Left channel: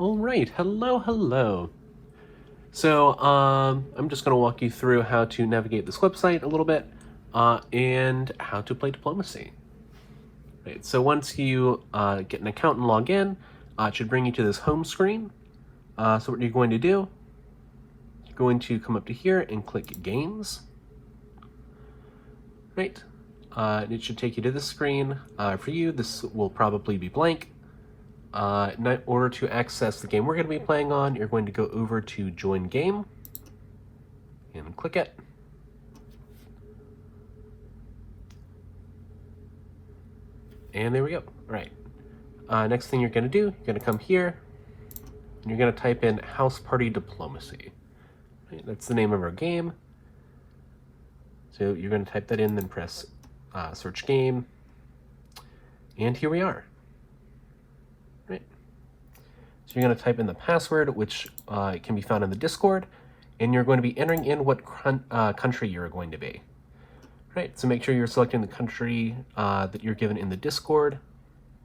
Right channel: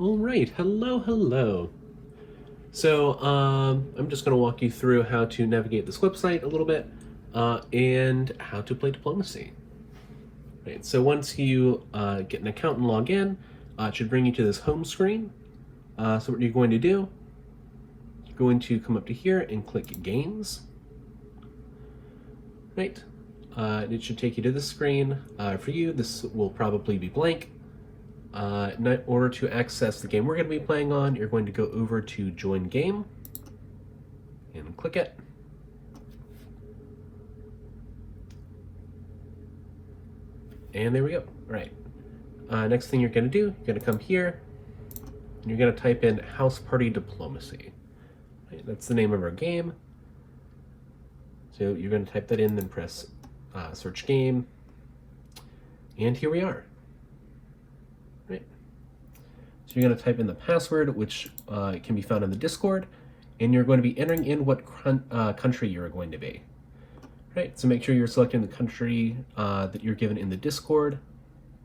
All right, hello. So I'm just going to walk you through how to navigate this website a little bit and how to play diplomacy. Right, so once you get an account and log in, it should bring you to this home screen. So what you're going to do, you're going to come up to here and click Games. Right, and it should take you to this screen. For you, this will probably be blank. In order to access the game we're going to be playing on, you're going to go over to Join Game and click it. And there we go. All right. Next thing you're going to do, you're going to come here and you're going to type in House Party Diplomacy. Right, that's the name of our game. So you're going to type that in, then press search game. And here we are. Right. So you're going to type in the password, which can be found in the Discord, and you're going to be entering in what country you're going to be. Right, so make sure you're selecting the country that you're given in the Discord.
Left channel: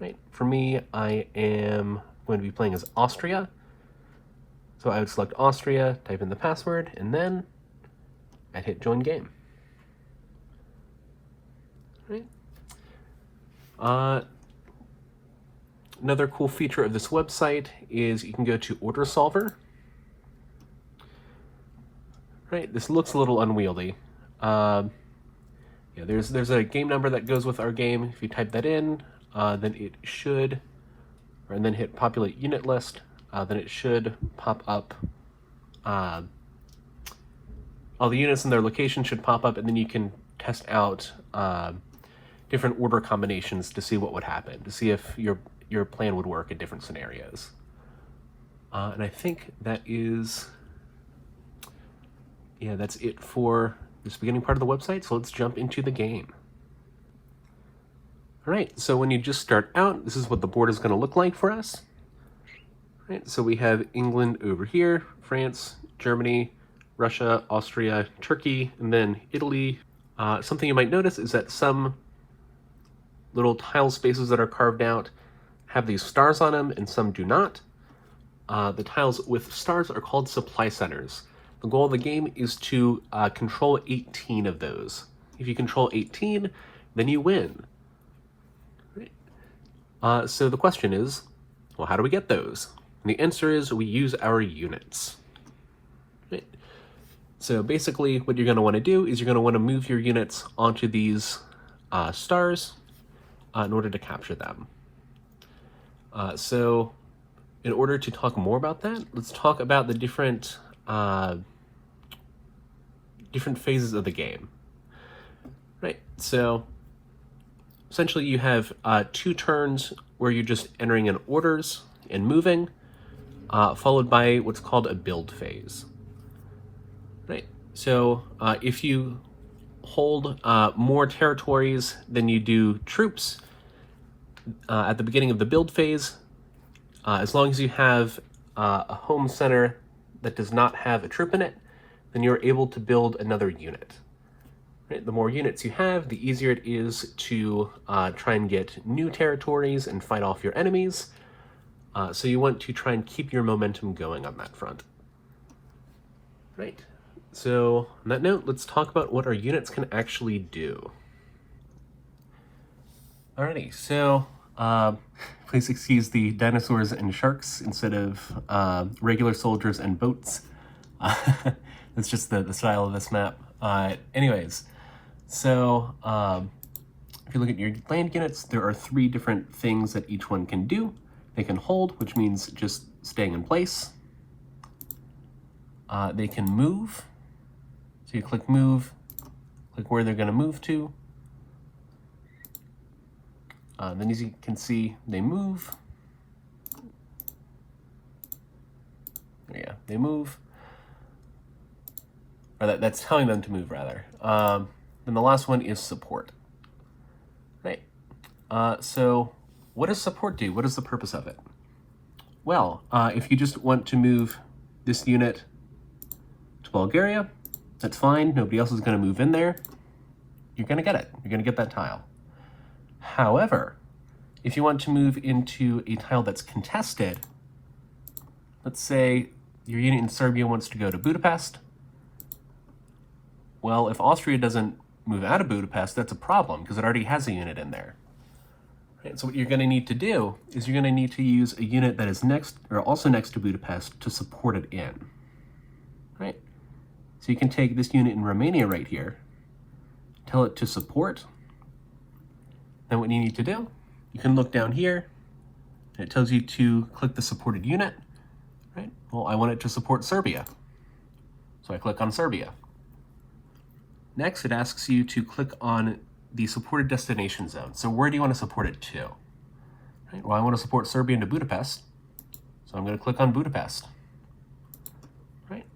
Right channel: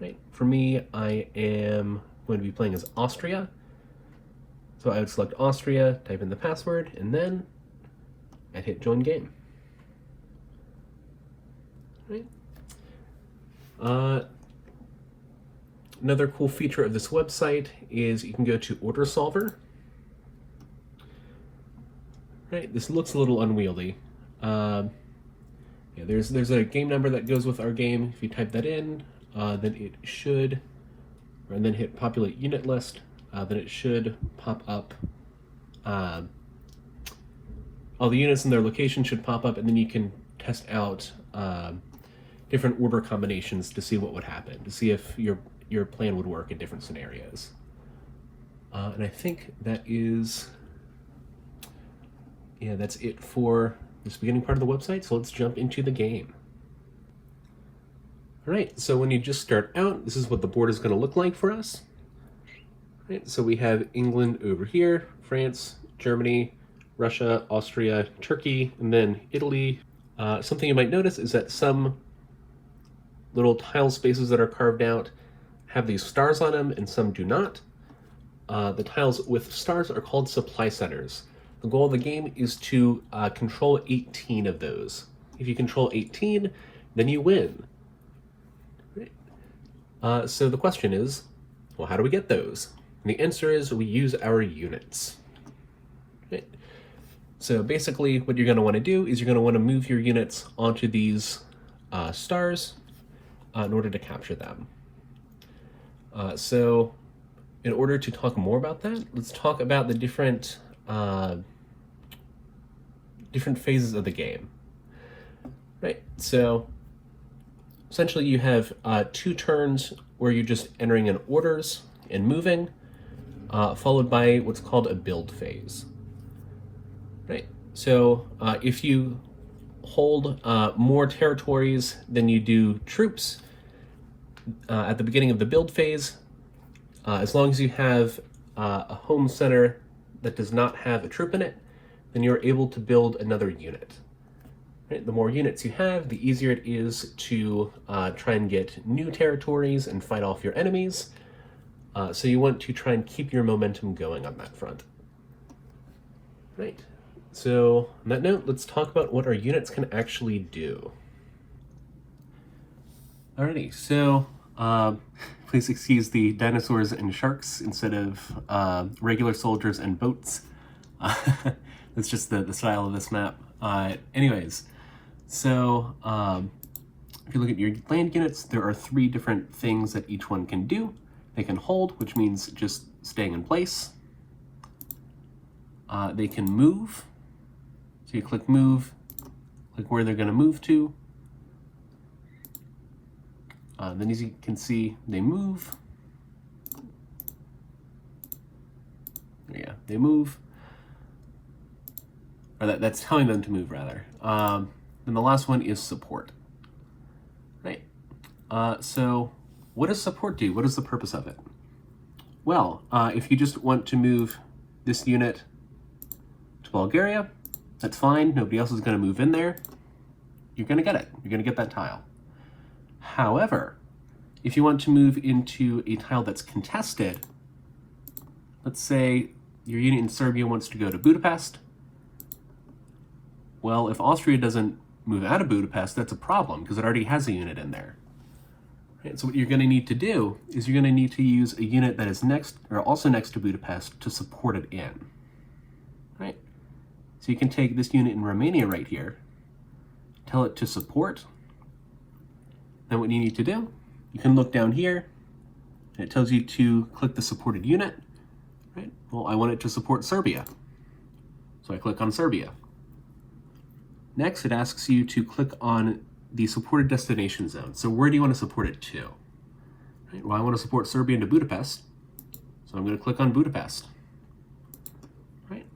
Right, for me, I am going to be playing as Austria. So I would select Austria, type in the password, and then I'd hit join game. Right. Another cool feature of this website is you can go to Order Solver. Right, this looks a little unwieldy. Yeah, there's a game number that goes with our game. If you type that in, then it should, and then hit populate unit list, then it should pop up. All the units and their location should pop up, and then you can test out different order combinations to see what would happen, to see if your plan would work in different scenarios. And I think that is, yeah, that's it for this beginning part of the website. So let's jump into the game. All right, so when you just start out, this is what the board is going to look like for us. All right, so we have England over here, France, Germany, Russia, Austria, Turkey, and then Italy. Something you might notice is that some little tile spaces that are carved out have these stars on them, and some do not. The tiles with stars are called supply centers. The goal of the game is to control 18 of those. If you control 18, then you win. Right. So the question is, well, how do we get those? And the answer is we use our units. Right. So basically what you're going to want to do is you're going to want to move your units onto these stars in order to capture them. So in order to talk more about that, let's talk about the different phases of the game. Right, so essentially you have 2 turns where you're just entering in orders and moving, followed by what's called a build phase. Right, so if you hold more territories than you do troops at the beginning of the build phase, as long as you have a home center that does not have a troop in it, then you're able to build another unit. Right? The more units you have, the easier it is to try and get new territories and fight off your enemies. So you want to try and keep your momentum going on that front. Right. So on that note, let's talk about what our units can actually do. Alrighty, so please excuse the dinosaurs and sharks instead of regular soldiers and boats. It's just the style of this map. Anyways, so if you look at your land units, there are 3 different things that each one can do. They can hold, which means just staying in place. They can move. So you click move, click where they're going to move to. Then as you can see, they move. Yeah, they move. Or that's telling them to move, rather. And the last one is support. Right. So what does support do? What is the purpose of it? Well, if you just want to move this unit to Bulgaria, that's fine. Nobody else is going to move in there. You're going to get it. You're going to get that tile. However, if you want to move into a tile that's contested, let's say your unit in Serbia wants to go to Budapest. Well, if Austria doesn't move out of Budapest, that's a problem because it already has a unit in there. Right, so what you're going to need to do is you're going to need to use a unit that is also next to Budapest to support it in. Right? So you can take this unit in Romania right here, tell it to support. Then what you need to do, you can look down here, and it tells you to click the supported unit. Right? Well, I want it to support Serbia. So I click on Serbia. Next, it asks you to click on the supported destination zone. So where do you want to support it to? Right? Well, I want to support Serbia into Budapest. So I'm going to click on Budapest. Right?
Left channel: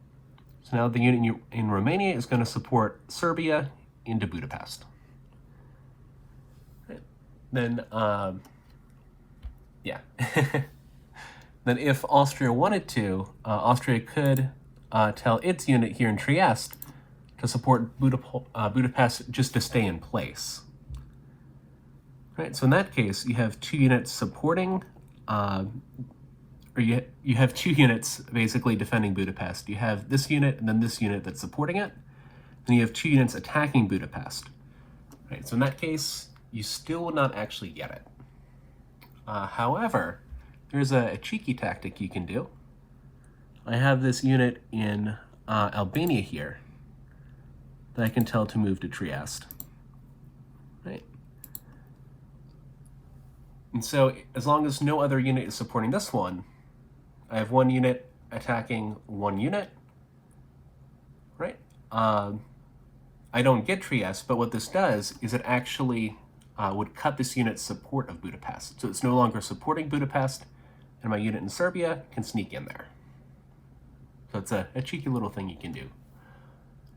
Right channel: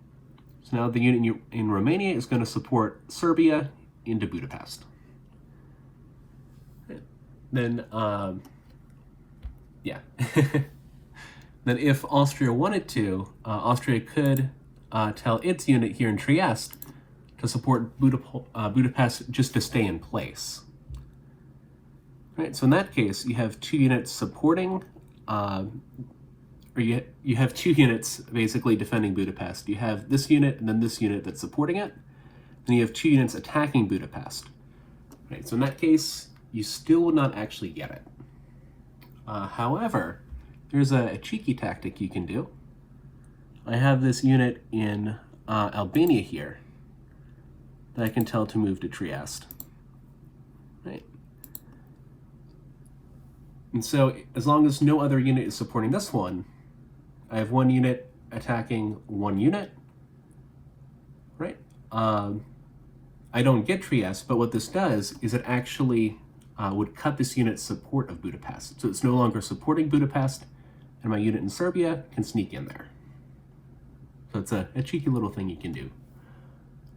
So now the unit in Romania is going to support Serbia into Budapest. Right? Then, yeah. Then if Austria wanted to, Austria could tell its unit here in Trieste to support Budapest just to stay in place. Right, so in that case, you have two units supporting, or you have two units basically defending Budapest. You have this unit and then this unit that's supporting it, and you have two units attacking Budapest. Right, so in that case, you still would not actually get it. However, there's a cheeky tactic you can do. I have this unit in Albania here that I can tell to move to Trieste. Right. And so as long as no other unit is supporting this one, I have one unit attacking one unit. Right. I don't get Trieste, but what this does is it actually would cut this unit's support of Budapest. So it's no longer supporting Budapest, and my unit in Serbia can sneak in there. So it's a cheeky little thing you can do.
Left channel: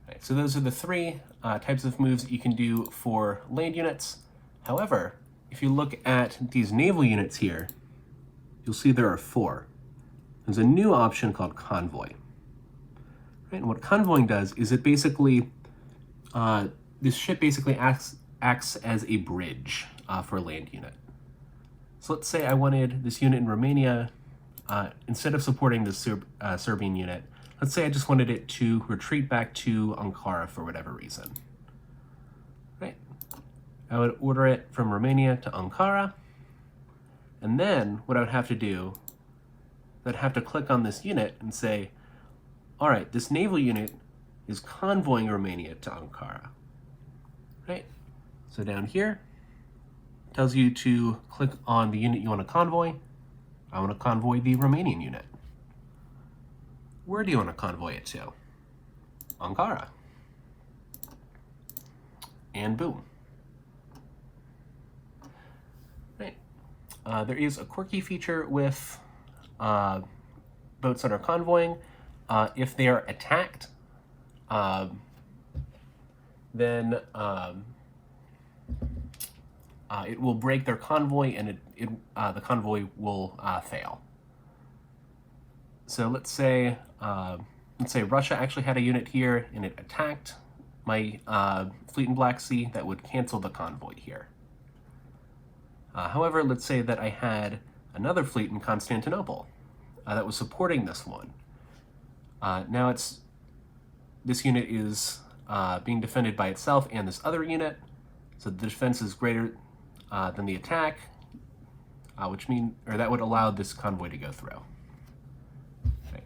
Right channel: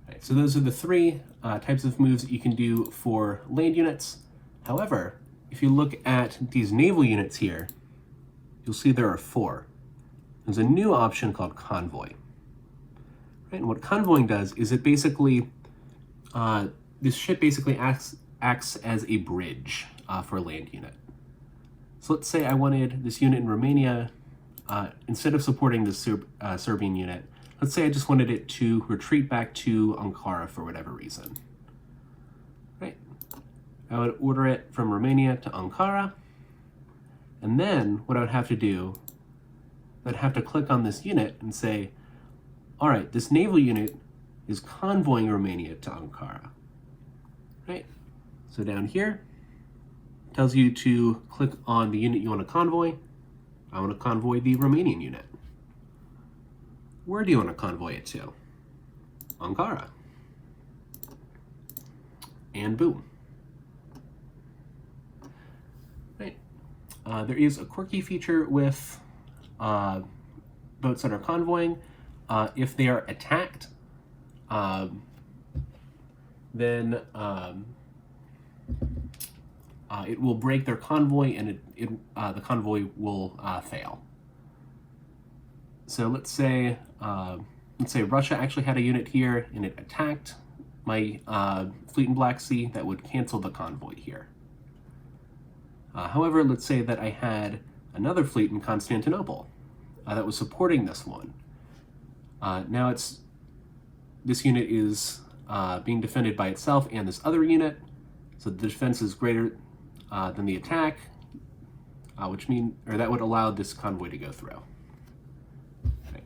Right, so those are the three types of moves that you can do for land units. However, if you look at these naval units here, you'll see there are four. There's a new option called Convoy. Right, and what convoying does is it basically, this ship basically acts as a bridge for a land unit. So let's say I wanted this unit in Romania, instead of supporting the Serbian unit, let's say I just wanted it to retreat back to Ankara for whatever reason. Right. I would order it from Romania to Ankara, and then what I would have to do, I'd have to click on this unit and say, all right, this naval unit is convoying Romania to Ankara. Right. So down here, it tells you to click on the unit you want to convoy. I want to convoy the Romanian unit. Where do you want to convoy it to? Ankara. And boom. Right. There is a quirky feature with boats that are convoying. If they are attacked, then it will break their convoy, and the convoy will fail. So let's say Russia actually had a unit here, and it attacked my fleet in Black Sea. That would cancel the convoy here. However, let's say that I had another fleet in Constantinople that was supporting this one. Now this unit is being defended by itself and this other unit, so the defense is greater than the attack, that would allow this convoy to go through. Okay.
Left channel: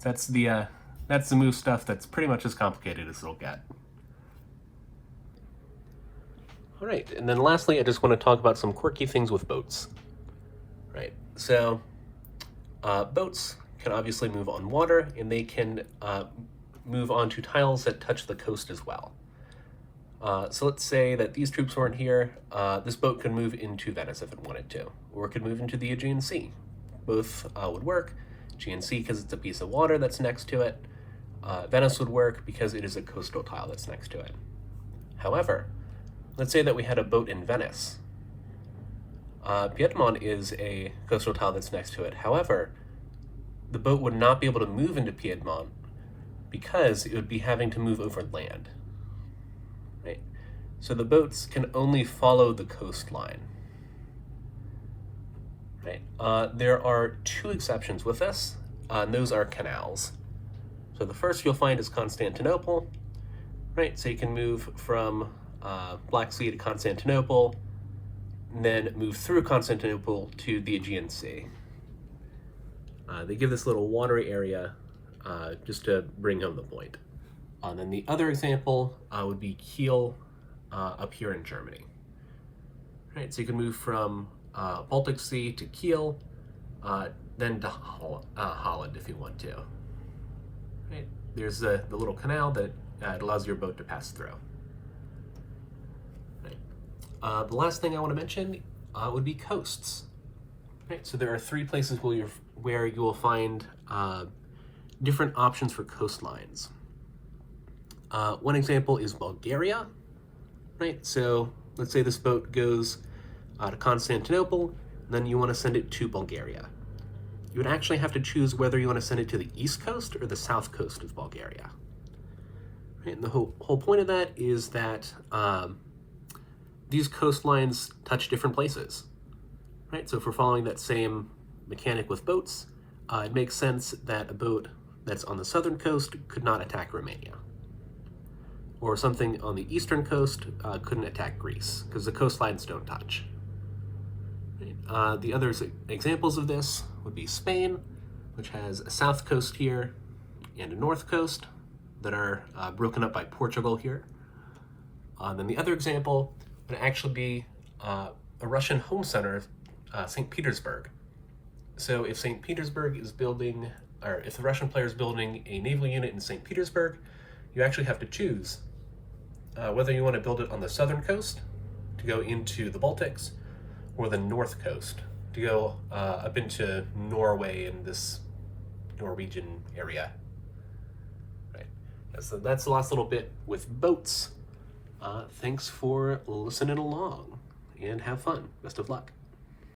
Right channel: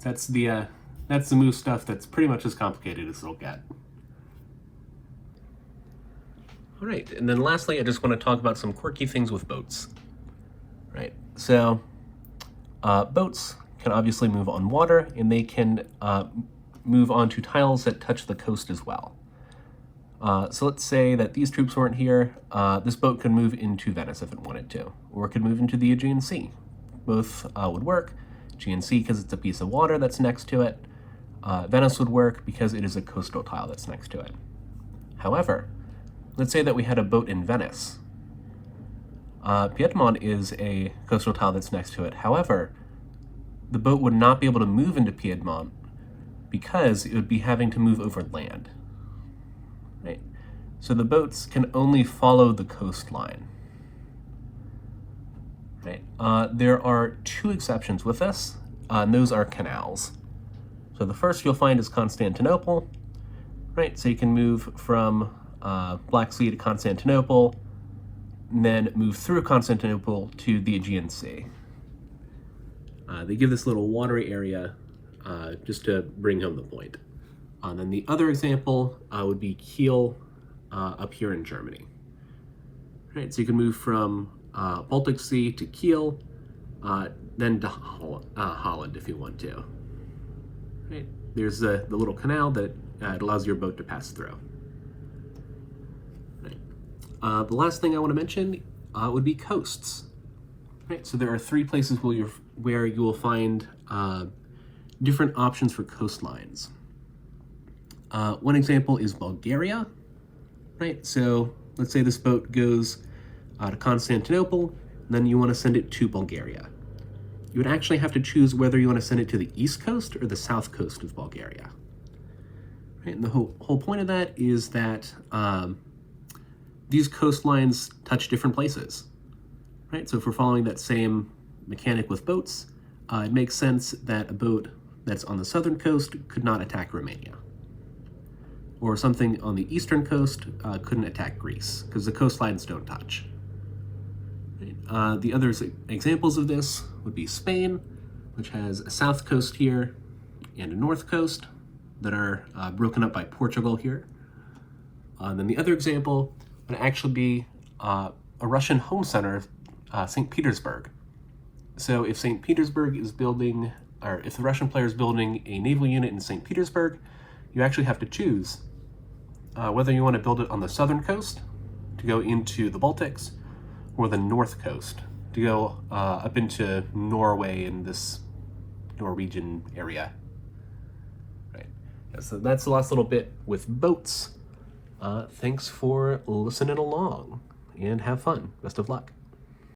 That's the move stuff that's pretty much as complicated as it'll get. All right, and then lastly, I just want to talk about some quirky things with boats. Right, so boats can obviously move on water, and they can move onto tiles that touch the coast as well. So let's say that these troops weren't here. This boat could move into Venice if it wanted to, or it could move into the Aegean Sea. Both would work. Aegean Sea because it's a piece of water that's next to it. Venice would work because it is a coastal tile that's next to it. However, let's say that we had a boat in Venice. Piedmont is a coastal tile that's next to it. However, the boat would not be able to move into Piedmont because it would be having to move over land. Right? So the boats can only follow the coastline. Right? There are two exceptions with this. and those are canals. So the first you'll find is Constantinople, right? So you can move from Black Sea to Constantinople, and then move through Constantinople to the Aegean Sea. They give this little watery area just to bring home the point. And then the other example would be Kiel up here in Germany. Right, so you can move from Baltic Sea to Kiel, then to Holland if you want to. Right, there's the little canal that it allows your boat to pass through. Right. The last thing I want to mention would be coasts. Right, so there are 3 places where you will find different options for coastlines. One example is Bulgaria. Right, so let's say this boat goes to Constantinople, and then you want to send it to Bulgaria. You would actually have to choose whether you want to send it to the east coast or the south coast of Bulgaria. Right, and the whole point of that is that these coastlines touch different places. Right, so if we're following that same mechanic with boats, it makes sense that a boat that's on the southern coast could not attack Romania. Or something on the eastern coast couldn't attack Greece, because the coastlines don't touch. The other examples of this would be Spain, which has a south coast here and a north coast that are broken up by Portugal here. Then the other example would actually be a Russian home center of St. Petersburg. So if St. Petersburg is building, or if the Russian player is building a naval unit in St. Petersburg, you actually have to choose whether you want to build it on the southern coast to go into the Baltics, or the north coast to go up into Norway in this Norwegian area. Right. So that's the last little bit with boats. Thanks for listening along, and have fun. Best of luck.